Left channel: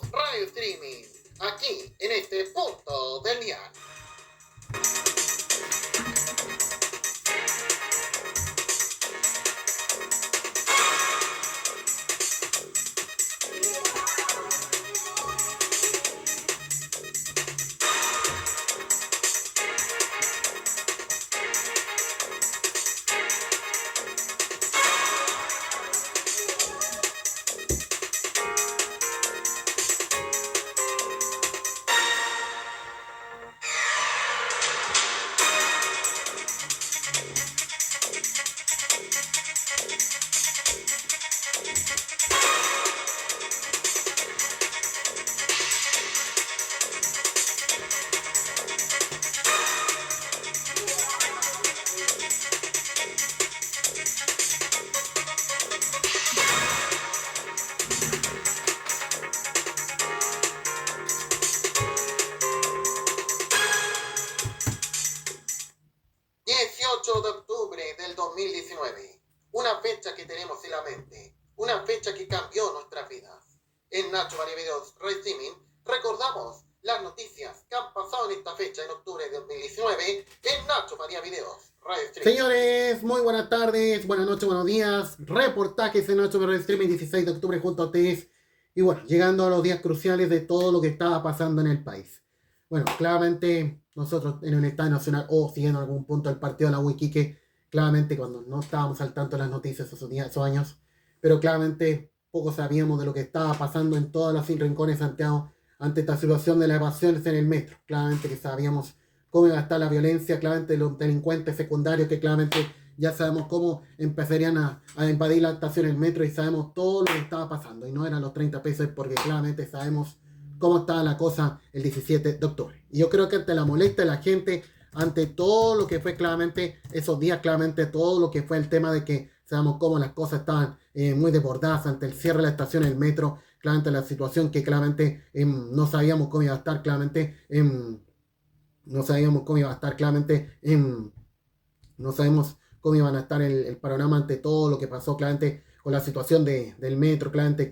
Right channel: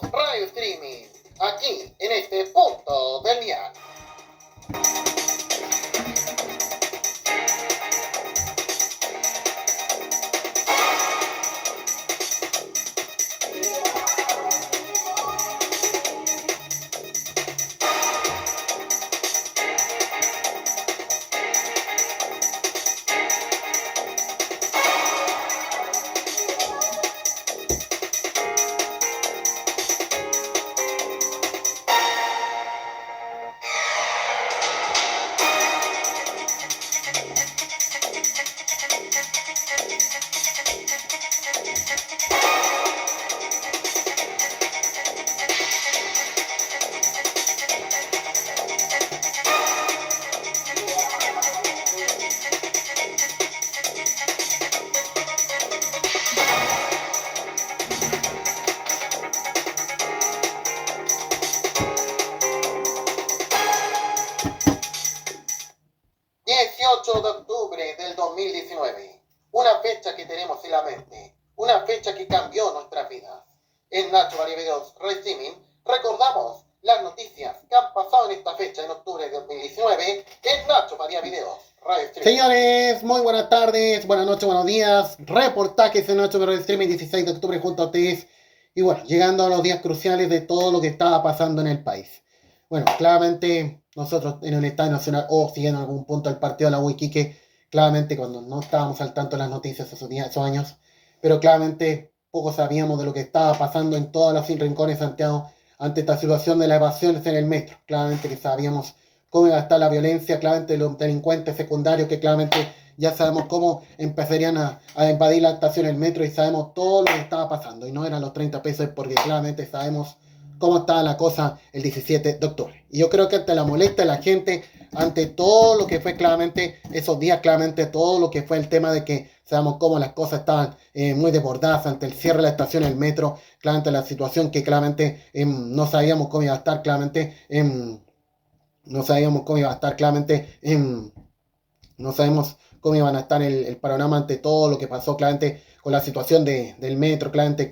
Videos Radio Streaming, aquí en este punto del día. De octubre del 2019, una fecha que tenemos en la mente, una fecha que cambió nuestras vidas. En Nacho María Videos Radio Streaming recordamos las noticias que han pasado en esta fecha en octubre de 2019 en Nacho María Videos Radio Streaming. Señores, muy buenas tardes, buenas noches, buenos días. Reportajes en Nacho Radio Streaming 16 de octubre junto a ustedes. Y bueno, llegando a los días cruciales de todo lo que estaba pasando en el país. Bueno, claramente nosotros en el Estadio Nacional o siguiendo en algún punto el partido de la Huiquique, claramente cuando no estábamos al tanto de las noticias esos años, pero claramente poco sabíamos de lo que estaba pasando en todas las rincones de Santiago ante esta situación de las evasiones en el metro. Claramente que sabíamos cómo iba a estar la violencia, claramente los delincuentes secundarios que claramente ya sabemos cómo empezarían a invadir la estación del metro y sabemos todo lo que estaba pasando. Y no eran los 30 pesos porque claramente sabemos cómo estaba la cosa el 17 de octubre. Y yo creo que ante la molestia de la gente, ante todo lo que fue claramente esos días, claramente todo lo que fue el tema de que sabemos cómo las cosas estaban muy desbordadas ante el cierre de la estación del metro, claramente la situación que claramente no sabíamos cómo iba a estar, claramente no sabíamos cómo iba a estar, claramente no sabemos cómo iban a estar el panorama ante todo lo que pasó, claramente con la situación del metro, claramente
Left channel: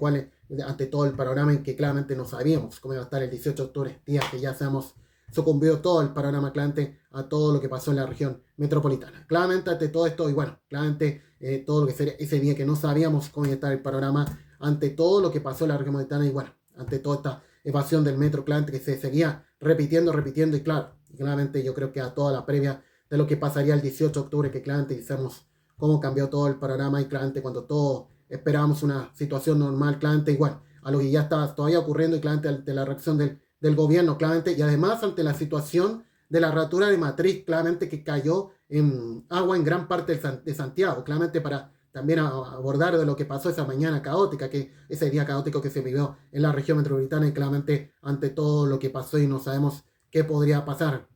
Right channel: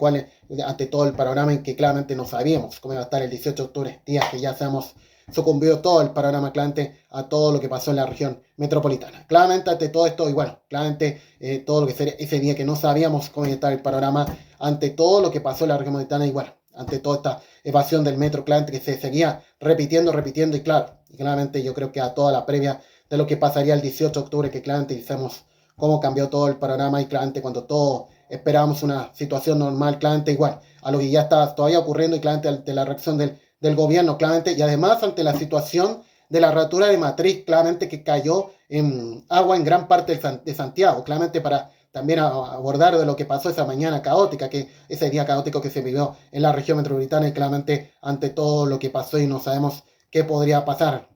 ante todo el panorama en que claramente no sabíamos cómo iba a estar el 18 de octubre, días que ya sabemos sucumbió todo el panorama claramente a todo lo que pasó en la región metropolitana. Claramente ante todo esto, y bueno, claramente todo lo que sería ese día que no sabíamos cómo iba a estar el panorama, ante todo lo que pasó en la región metropolitana, y bueno, ante toda esta evasión del metro, claramente que se seguía repitiendo, y claro, claramente yo creo que a toda la previa de lo que pasaría el 18 de octubre, que claramente sabemos cómo cambió todo el panorama y claramente cuando todos esperábamos una situación normal, claramente igual a lo que ya está todavía ocurriendo y claramente ante la reacción del gobierno, claramente, y además ante la situación de la rotura de matriz, claramente que cayó en agua en gran parte de Santiago, claramente para también abordar de lo que pasó esa mañana caótica, que ese día caótico que se vivió en la región metropolitana y claramente ante todo lo que pasó y no sabemos qué podría pasar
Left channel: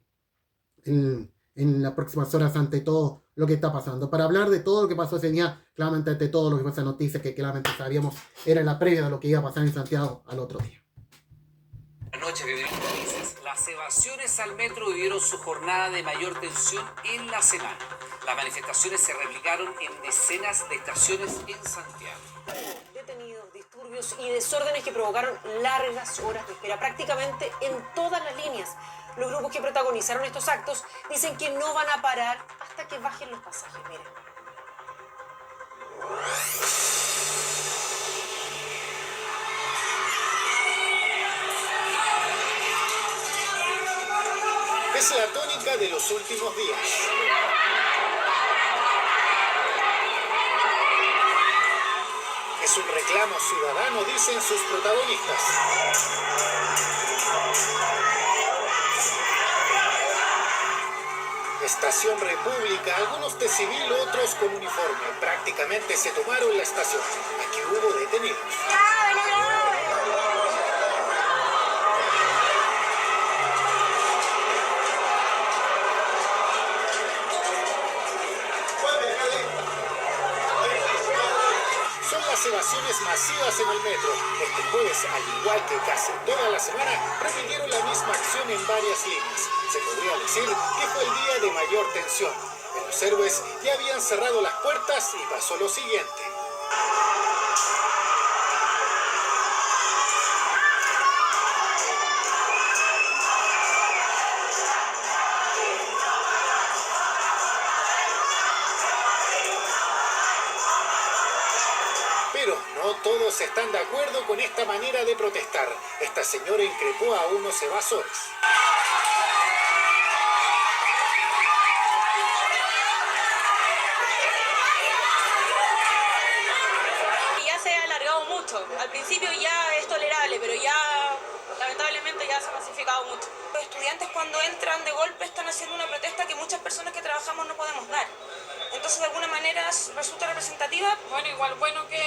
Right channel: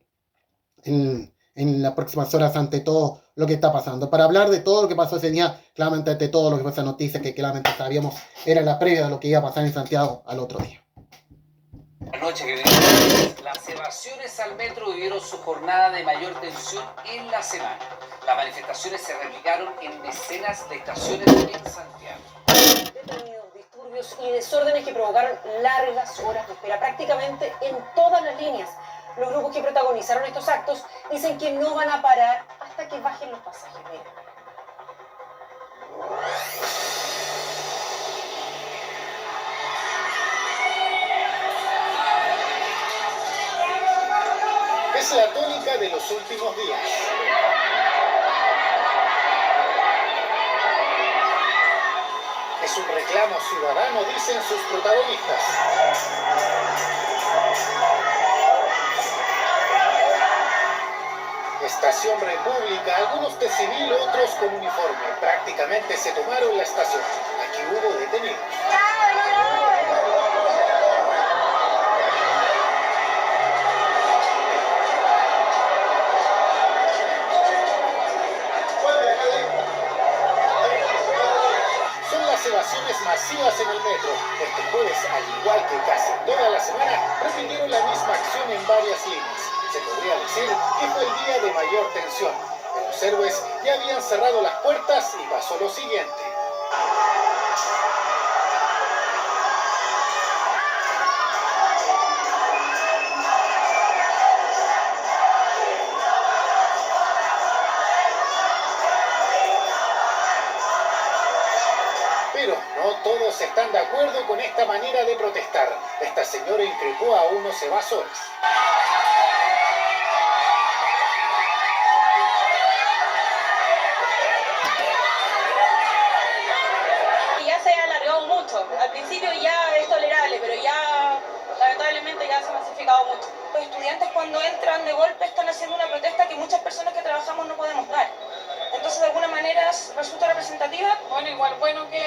en las próximas horas ante todo lo que está pasando. Para hablar de todo lo que pasó ese día, claramente ante todo lo que fue esa noticia que claramente sabíamos era la previa de lo que iba a pasar en Santiago al otro día. Anoche, bienvenidos. Las evasiones al metro vivieron su jornada de mayor tensión en la semana. Las manifestaciones se replicaron en decenas de estaciones en Santiago. Detenidos, disturbios y desórdenes que provocaron largas horas de espera prácticamente en todas las líneas. Los grupos que protagonizaron estos actos dicen que no van a parar hasta que bajen los pasajes. Miren. Es la tónica de los últimos días. Es un reclamo ciudadano, dicen sus protagonistas. Estación República, algunos de civil, otros con uniforme. Prácticamente se tomaron la estación. Aquí hubo detenidos. Son las evasiones masivas en el metro. Este jueves, al igual que casi toda la semana, repitieron la misma acción en varias líneas. Se podría decir que fue el día de mayor tensión. En los héroes ya habían cerrado las puertas y pasó lo siguiente. todos están de acuerdo con esta manera de protestar. Esta señora increpó a unos evasores. Ya se ha alargado mucho. Al principio ya es tolerable, pero ya lamentablemente ya se ha masificado mucho. Los estudiantes cuando entran de golpe están haciendo una protesta que muchas personas que trabajamos no podemos dar. Entonces de alguna manera resulta representativa. Bueno, igual bueno que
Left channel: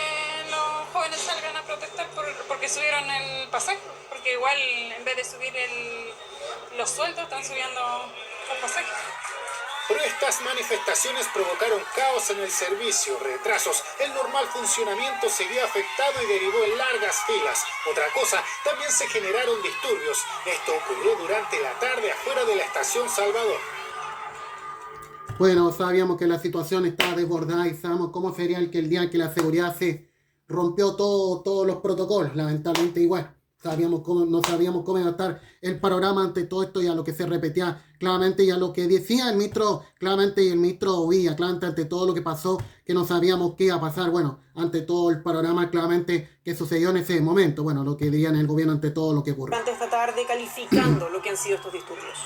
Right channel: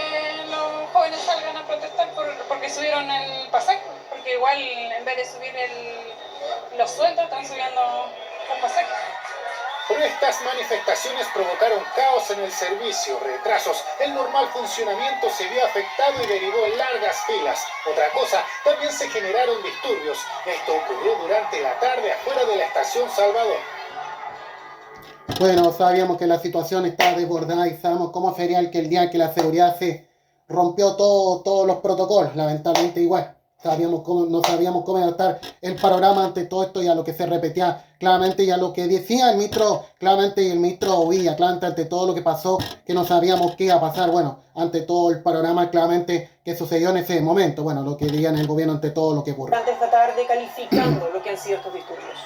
los jóvenes salgan a protestar porque subieron el pasaje, porque igual en vez de subir los sueldos están subiendo los pasajes. Pero estas manifestaciones provocaron caos en el servicio, retrasos, el normal funcionamiento se vio afectado y derivó en largas filas. Otra cosa, también se generaron disturbios. Esto ocurrió durante la tarde afuera de la estación Salvador. Bueno, sabíamos que la situación estaba desbordada y sabemos cómo sería el día que la seguridad se rompió todos los protocolos, lamentablemente igual. No sabíamos cómo iba a estar el panorama ante todo esto y a lo que se repetía claramente y a lo que decía el ministro, claramente el ministro Ovilla, claramente ante todo lo que pasó, que no sabíamos qué iba a pasar, bueno, ante todo el panorama claramente que sucedió en ese momento, bueno, lo que diría en el gobierno ante todo lo que ocurrió. Durante esta tarde calificando lo que han sido estos disturbios.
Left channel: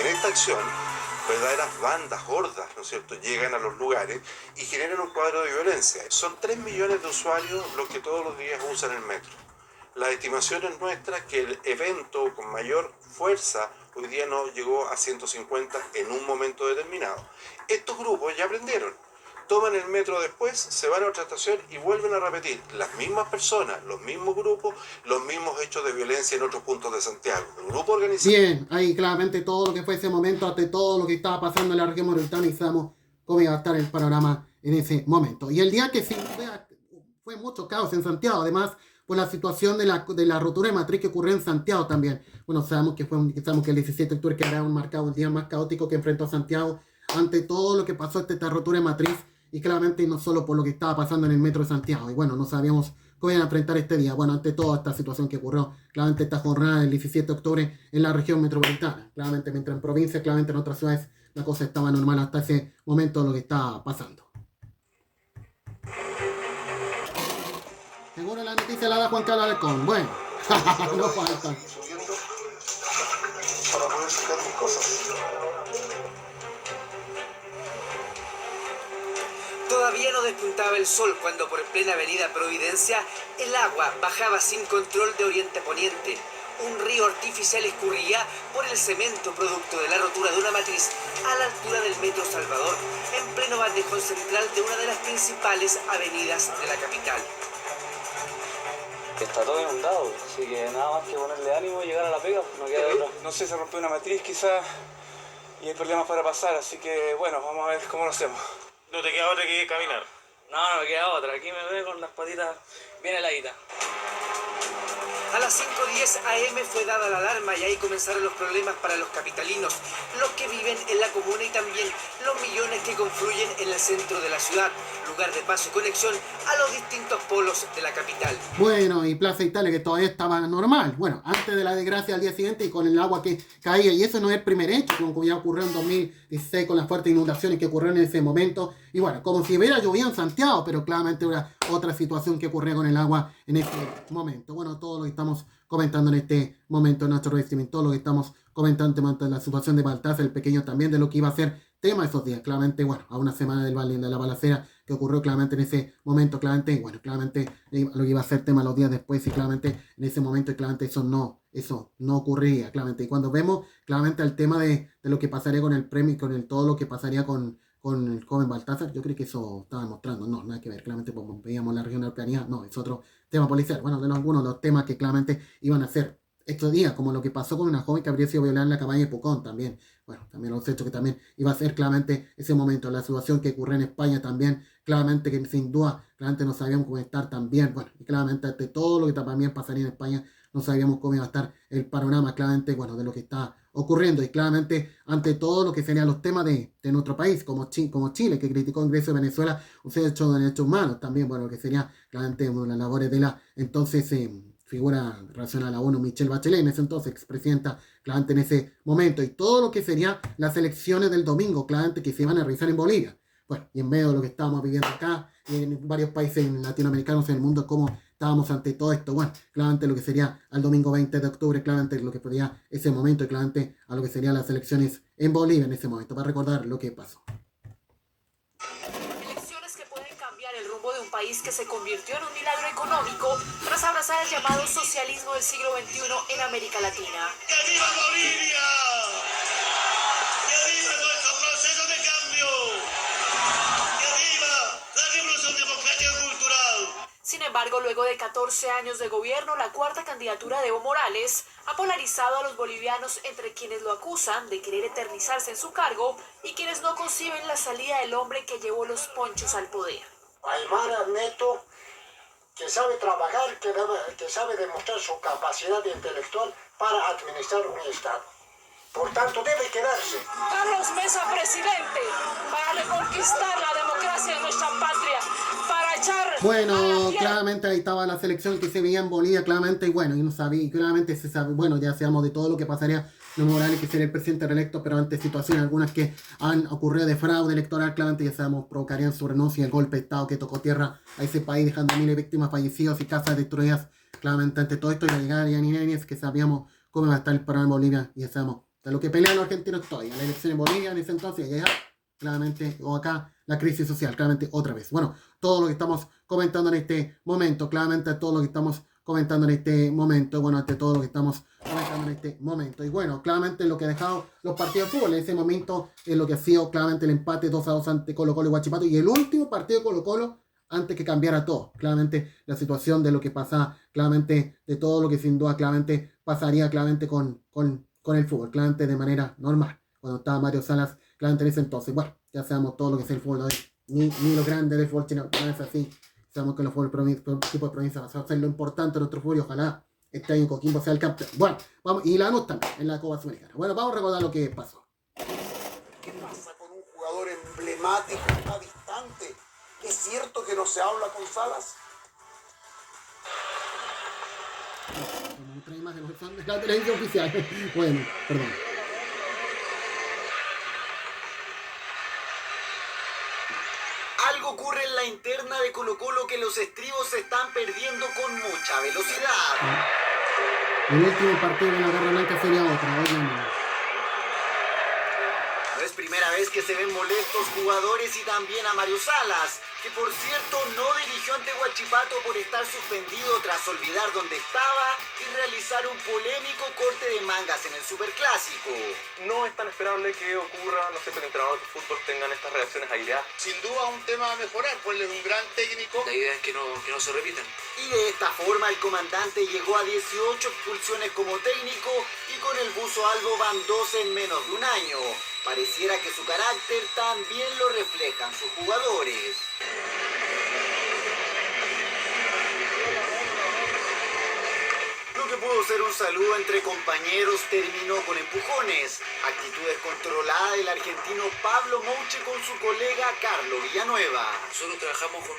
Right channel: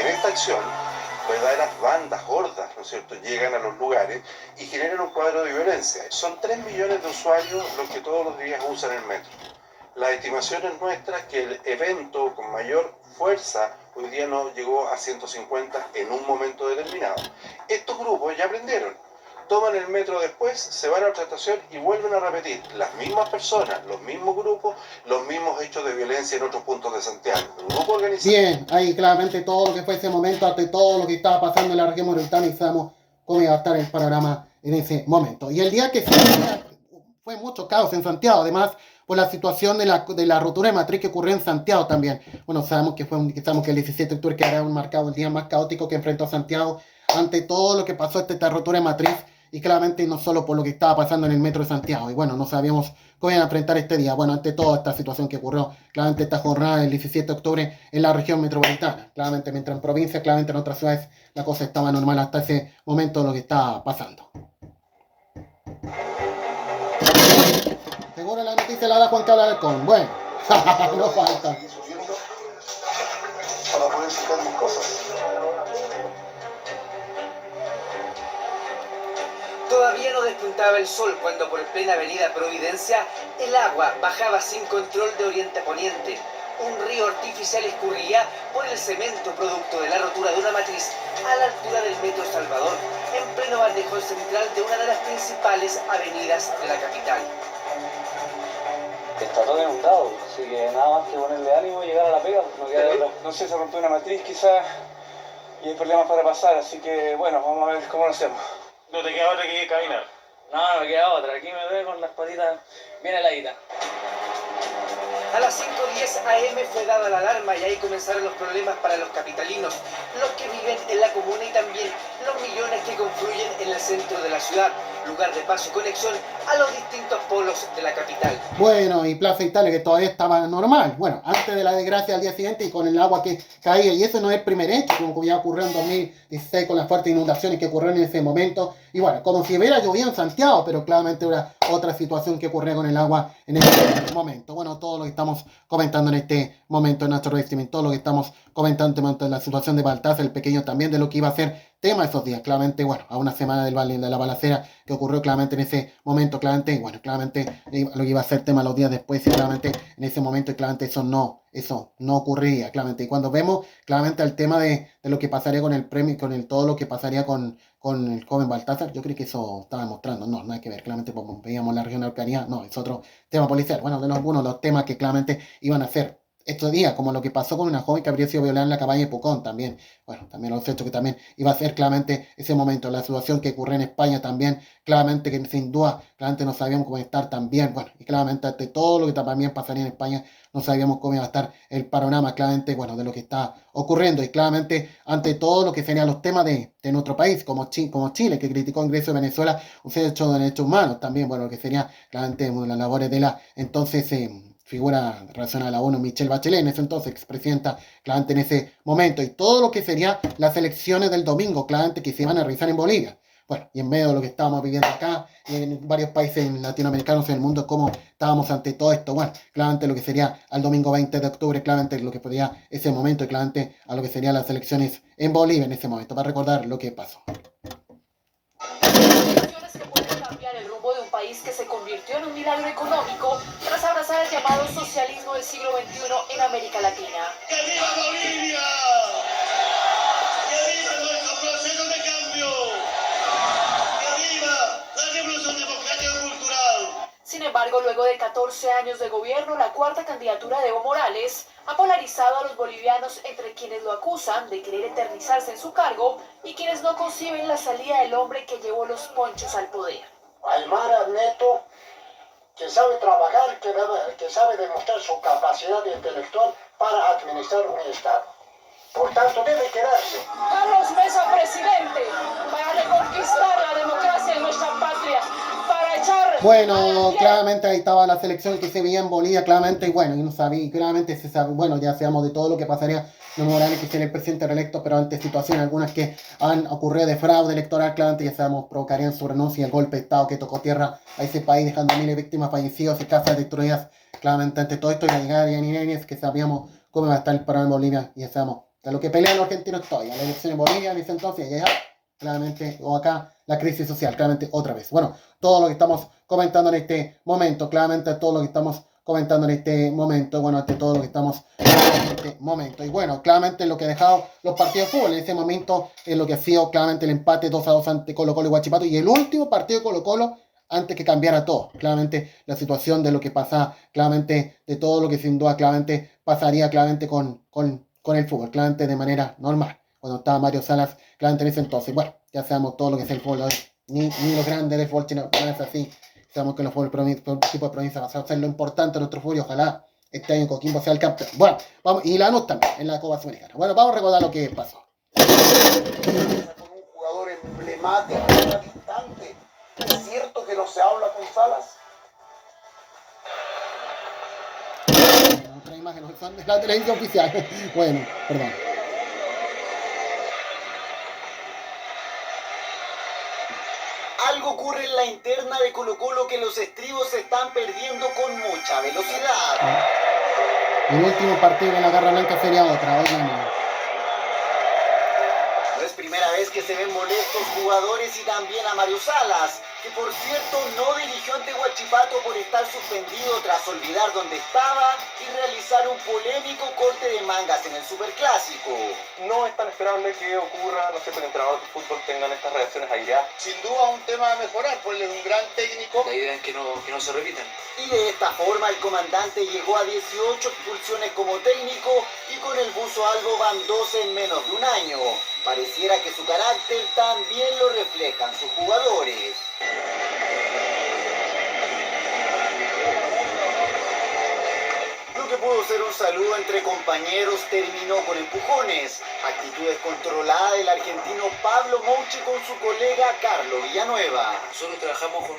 En esta acción, verdaderas bandas gordas, ¿no es cierto?, llegan a los lugares y generan un cuadro de violencia. Son 3 millones de usuarios los que todos los días usan el metro. La estimación es nuestra que el evento con mayor fuerza hoy día no llegó a 150 en un momento determinado. Estos grupos ya aprendieron. Toman el metro después, se van a otra estación y vuelven a repetir las mismas personas, los mismos grupos, los mismos hechos de violencia en otros puntos de Santiago. Un grupo organizado. Bien, ahí claramente todo lo que fue ese momento, ante todo lo que estaba pasando en la región metropolitana y sabemos cómo iba a estar el panorama en ese momento. Y el día que fue mucho caos en Santiago, además por la situación de la rotura de matriz que ocurrió en Santiago también. Bueno, sabemos que el 17 de octubre que habrá marcado el día más caótico que enfrentó Santiago ante todo lo que pasó esta rotura de matriz. Y claramente no solo por lo que estaba pasando en el metro de Santiago. Y bueno, no sabíamos cómo iban a enfrentar este día. Bueno, ante toda esta situación que ocurrió, claramente esta jornada del 17 de octubre en la región metropolitana. Claramente, mientras en provincia, claramente en otras ciudades, la cosa estaba normal hasta ese momento lo que estaba pasando. Seguro la noticia la da Juan Carlos Alarcón. Bueno, no falta. Para poder sacar mis cosas. Todavía no despuntaba el sol cuando por plena avenida Providencia el agua bajaba sin control de oriente a poniente. Un río artificial escurría por el cemento producto de la rotura de una matriz a la altura del metro Salvador, en pleno bandejón central de una de las principales avenidas de la capital. Está todo inundado, así que nada más que ponerle ánimo y llegar a la pega. No sé, se rompió una matriz quizás y hay problemas para pasar, así que bueno, vamos a ver cómo lo hacemos. No te queda otra que caminar. No me queda otra. Aquí me veo con las patitas bien heladitas. A las 5:10 AM fue dada la alarma y ahí comenzaron los problemas para los capitalinos, los que viven en la comuna y también los millones que confluyen en el centro de la ciudad, lugar de paso y conexión a los distintos polos de la capital. Bueno, y Plaza Italia que todavía estaba normal. Bueno, antes de la desgracia al día siguiente y con el agua que caía. Y eso no es el primer hecho, como ya ocurrió en 2016 con las fuertes inundaciones que ocurrieron en ese momento. Y bueno, como si hubiera llovido en Santiago, pero claramente era otra situación que ocurría con el agua en ese momento. Bueno, todo lo que estamos comentando en este momento en nuestro streaming, todo lo que estamos comentando en la situación de Baltasar, el pequeño también, de lo que iba a ser tema esos días, claramente, bueno, a una semana del Valle de la balacera que ocurrió claramente en ese momento, claramente, bueno, claramente lo que iba a ser tema los días después y claramente en ese momento, y claramente eso no ocurría, claramente. Y cuando vemos claramente el tema de lo que pasaría con el premio, todo lo que pasaría con el joven Baltasar, yo creo que eso estaba mostrando, no, nada que ver, claramente como veíamos la región de Araucanía, no, es otro tema policial, bueno, de algunos de los temas que claramente iban a ser estos días, como lo que pasó con una joven que habría sido violada en la cabaña de Pucón también, bueno, también los hechos que también iba a ser claramente ese momento, la situación que ocurrió en España también, claramente que sin duda, claramente no sabíamos cómo estar también, bueno, y claramente ante todo lo que también pasaría en España, no sabíamos cómo iba a estar el panorama, claramente, bueno, de lo que está ocurriendo, y claramente ante todo lo que serían los temas de nuestro país, como Chile, que criticó el ingreso de Venezuela, un hecho de derechos humanos también, bueno, lo que sería claramente las labores de la entonces figura relacionada a la ONU, Michelle Bachelet, en ese entonces expresidenta, claramente en ese momento, y todo lo que sería las elecciones del domingo, claramente que se iban a realizar en Bolivia. bueno, y en medio de lo que estábamos viviendo acá, y en varios países latinoamericanos en el mundo, cómo estábamos ante todo esto, bueno, claramente lo que sería al domingo 20 de octubre, claramente lo que podría ese momento, y claramente a lo que serían las elecciones en Bolivia en ese momento, para recordar lo que pasó. Elecciones que pueden cambiar el rumbo de un país que se convirtió en un milagro económico tras abrazar el llamado socialismo del siglo XXI en América Latina. ¡Que viva Bolivia! ¡Que viva nuestro proceso de cambio! ¡Que viva la revolución democrática cultural! Sin embargo, luego de 14 años de gobierno, la cuarta candidatura de Evo Morales ha polarizado a los bolivianos entre quienes lo acusan de querer eternizarse en su cargo y quienes no conciben la salida del hombre que llevó los ponchos al poder. Aymara Neto, que sabe trabajar, que sabe demostrar su capacidad intelectual para administrar un Estado. Por tanto, debe quedarse. Carlos Mesa, presidente, para reconquistar la democracia en nuestra patria, para echar... Bueno, claramente ahí estaba la selección que se veía en Bolivia, claramente, y bueno, y no sabía, claramente se sabe, bueno, ya sabemos de todo lo que pasaría Evo Morales, que sería el presidente reelecto, pero ante situaciones algunas que han ocurrido de fraude electoral, claramente ya sabemos, provocarían su renuncia y el golpe de Estado que tocó tierra a ese país, dejando miles de víctimas fallecidas y casas destruidas, claramente ante todo esto, y la llegada de Yanis, que sabíamos cómo iba a estar el programa en Bolivia, y ya sabemos, de lo que pelean los argentinos todavía, la elección en Bolivia en ese entonces, y allá, claramente, o acá, la crisis social, claramente otra vez. Bueno, todo lo que estamos comentando en este momento, claramente todo lo que estamos comentando en este momento, bueno, ante todo lo que estamos en este momento. Y bueno, claramente lo que ha dejado los partidos de fútbol en ese momento es lo que ha sido claramente el empate 2-2 ante Colo-Colo y Huachipato, y el último partido de Colo-Colo antes que cambiara todo. Claramente la situación de lo que pasa, claramente de todo lo que sin duda claramente pasaría claramente con el fútbol, claramente de manera normal, cuando estaba Mario Salas, claramente en ese entonces. Bueno, ya sabemos todo lo que es el fútbol hoy, ni lo grande del fútbol chino, no es así. Sabemos que los tipos de provincia va a ser lo importante de nuestro fútbol, y ojalá este año Coquimbo sea el campeón. Bueno, vamos, y la NUS también, en la Copa Sudamericana. Bueno, vamos a recordar lo que pasó. Con un jugador emblemático, una distante. ¿Es cierto que no se habla con Salas? Otra imagen, son de la televisión oficial. Bueno, perdón. Algo ocurre en la interna de Colo-Colo que los estribos se están perdiendo con mucha velocidad. El último partido en la Garra Blanca sería otra, oigan. No es primera vez que se ven molestos jugadores y también a Mario Salas, que por cierto no dirigió ante Huachipato por estar suspendido tras olvidar dónde estaba y realizar un polémico corte de mangas en el Superclásico. No es tan esperable que ocurra, no sé, que el entrenador de fútbol tengan estas reacciones aireadas. Sin duda un tema a mejorar, pues él es un gran técnico. La idea es que no se repitan. Y de esta forma el comandante llegó a 18 expulsiones como técnico y con el buzo albo van 12 en menos de un año. Pareciera que su carácter también lo reflejan sus jugadores. Lo que pudo ser un saludo entre compañeros terminó con empujones. Actitud descontrolada del argentino Pablo Mouche con su colega Carlos Villanueva. Nosotros trabajamos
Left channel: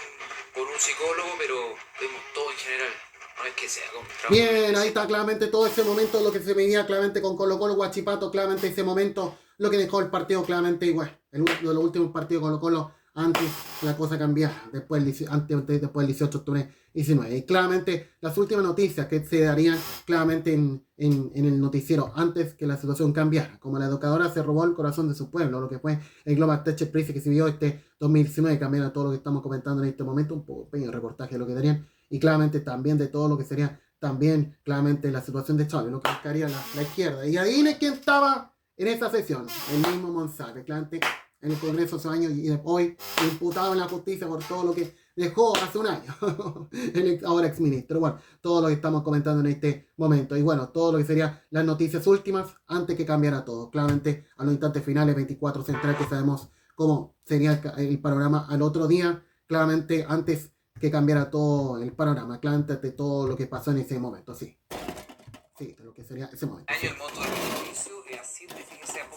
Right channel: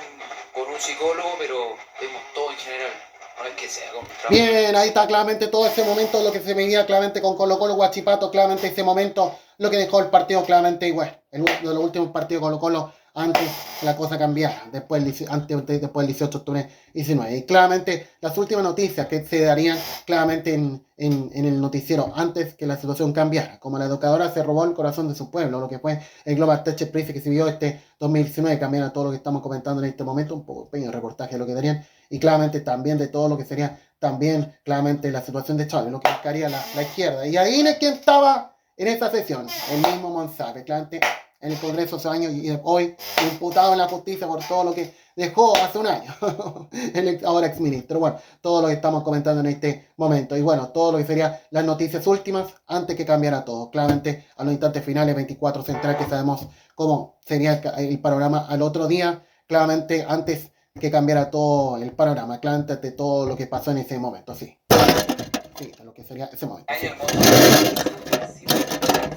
con un psicólogo, pero vemos todo en general. No es que sea bien, ahí está claramente todo ese momento, lo que se veía claramente con Colo-Colo, Huachipato, claramente ese momento, lo que dejó el partido claramente igual. De los últimos partidos de Colo-Colo, antes la cosa cambiara, después del 18 de octubre 19. Y claramente las últimas noticias que se darían claramente en el noticiero antes que la situación cambiara, como la educadora se robó el corazón de su pueblo, lo que fue el Global Tech Prize que se vio este 2019, cambiara todo lo que estamos comentando en este momento, un poco pequeño reportaje de lo que darían, y claramente también de todo lo que sería también claramente la situación de Chávez, lo que buscaría la izquierda. Y ahí es quien estaba en esa sesión, el mismo Monsalve, claramente en el Congreso hace años y hoy imputado en la justicia por todo lo que dejó hace un año el ahora exministro. Bueno, todo lo que estamos comentando en este momento y bueno, todo lo que serían las noticias últimas antes que cambiara todo. Claramente a los instantes finales 24 Central, que sabemos cómo sería el panorama al otro día, claramente antes que cambiara todo el panorama, claramente de todo lo que pasó en ese momento, sí, lo que sería ese momento. Sí.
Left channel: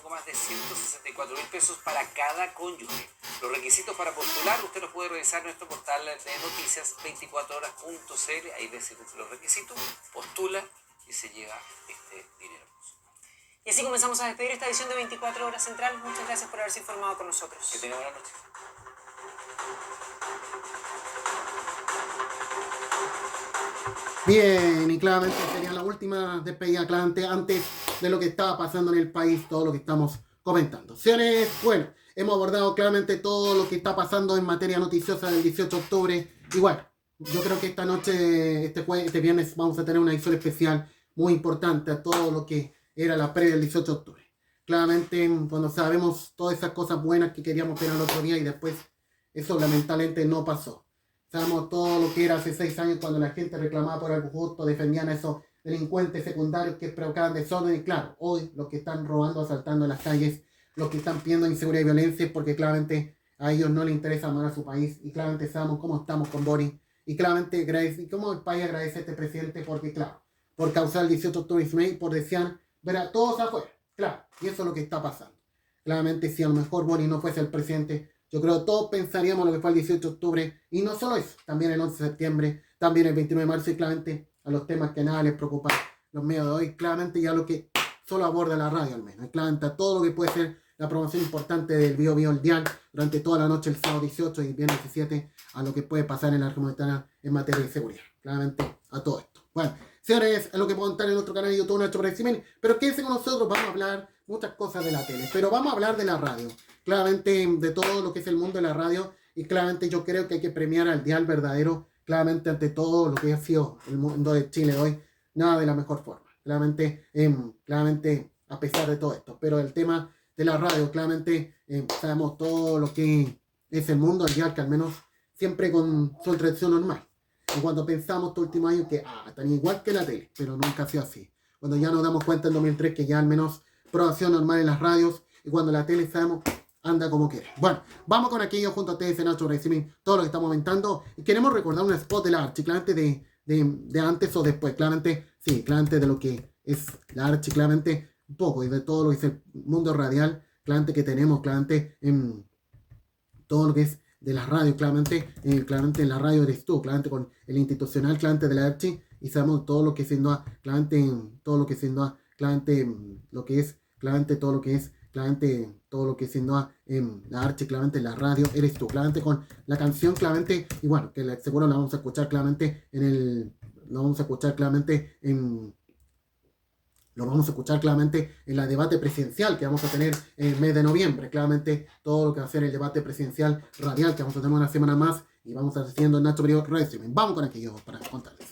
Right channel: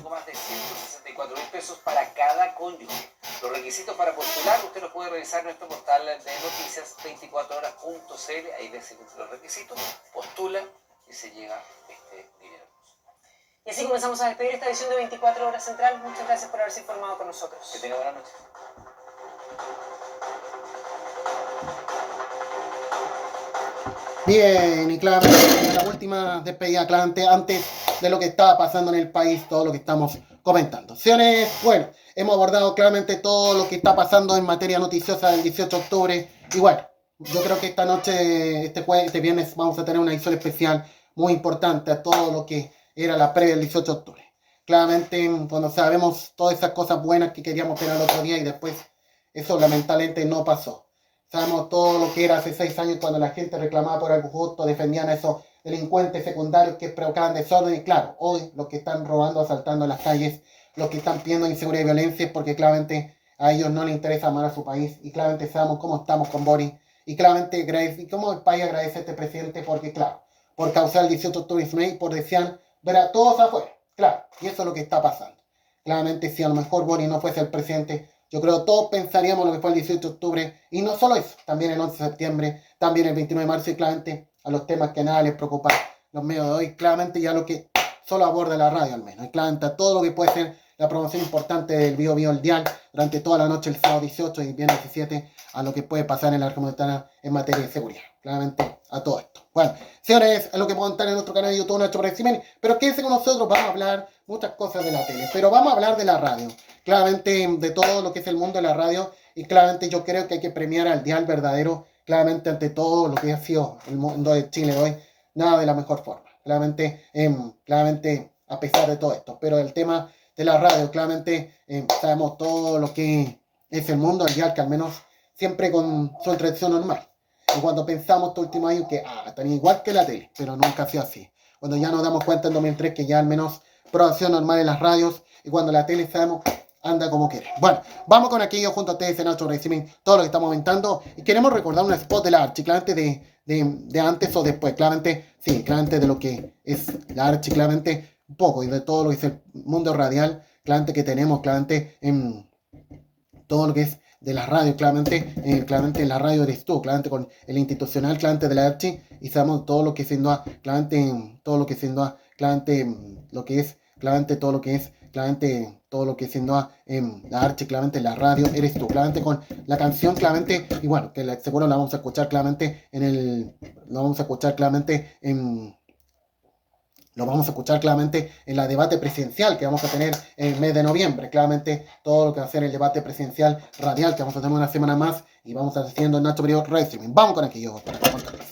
Más de 164.000 pesos para cada cónyuge. Los requisitos para postular, usted los puede revisar en nuestro portal de noticias 24horas.cl, ahí ve los requisitos, postula y se lleva este dinero. Y así comenzamos a despedir esta edición de 24 Horas Central. Muchas gracias por haberse informado con nosotros. Que tenga buena noche. Bien, y claramente la última despedida, claramente antes de lo que estaba pasando en el país, todo lo que estamos comentando. Señores, bueno, hemos abordado claramente todo lo que está pasando en materia noticiosa del 18 de octubre. Y bueno, yo creo que esta noche, este viernes, vamos a tener una edición especial muy importante a todo lo que era la previa del 18 de octubre. Claramente, cuando sabemos todas esas cosas buenas que queríamos tener el otro día y después eso lamentablemente no pasó. Sabemos todo lo que era hace 6 años cuando la gente reclamaba por algo justo, defendían a esos delincuentes secundarios que provocaban desorden. Y claro, hoy los que están robando, asaltando en las calles, los que están pidiendo inseguridad y violencia es porque claramente a ellos no les interesa amar a su país. Y claramente sabemos cómo estamos con Boris. Y claramente cómo el país agradece a este presidente porque, claro, por causar el 18 de octubre y por desear ver a todos afuera. Claro, y eso es lo que está pasando. Claramente si a lo mejor Boris no fuese el presidente, yo creo que todos pensaríamos lo que fue el 18 de octubre, y no solo eso, también el 11 de septiembre, también el 29 de marzo, y claramente a los temas que nada les preocupa los medios de hoy, claramente ya lo que solo aborda la radio al menos, y claramente a todo lo que puede ser la promoción importante del Bio Bio el Dial durante toda la noche, el sábado 18 y viernes 17, a lo que puede pasar en la Argentina en materia de seguridad, claramente a todo esto. Bueno, señores, es lo que puedo contar en nuestro canal de YouTube, nuestro régimen, pero quédense con nosotros, vamos a hablar muchas cosas de la tele, pero vamos a hablar de la radio. Claramente de todo lo que es el mundo de la radio, y claramente yo creo que hay que premiar al dial verdadero, claramente ante todo lo que ha sido el mundo de Chile hoy, nada de la mejor forma, claramente a pesar de todo esto, pero el tema de la radio, claramente sabemos todo lo que es el mundo del dial, que al menos siempre con su tradición normal, y cuando pensamos estos últimos años que están igual que la tele, pero nunca ha sido así, cuando ya nos damos cuenta en 2003 que ya al menos programación normal en las radios, y cuando la tele sabemos anda como quiere. Bueno, vamos con aquello junto a ustedes en nuestro régimen, todo lo que estamos comentando, y queremos recordar un spot de la Archi, claramente de antes o después, claramente, sí, claramente de lo que es la Archi, claramente un poco, y de todo lo que es el mundo radial, claramente que tenemos, claramente en todo lo que es de la radio, claramente en la radio eres tú, claramente con el institucional, claramente de la Archi, y sabemos todo lo que siendo, claramente todo lo que siendo, claramente lo que es, claramente todo lo que es, claramente todo lo que siendo la Archi, claramente la radio eres tú, claramente con la canción, claramente, y bueno, que seguro la vamos a escuchar claramente lo vamos a escuchar claramente en la debate presidencial que vamos a tener en el mes de noviembre, claramente todo lo que va a ser el debate presidencial radial que vamos a tener una semana más, y vamos a estar haciendo en Nacho Periodo Radio Streaming. Vamos con aquello para contarles.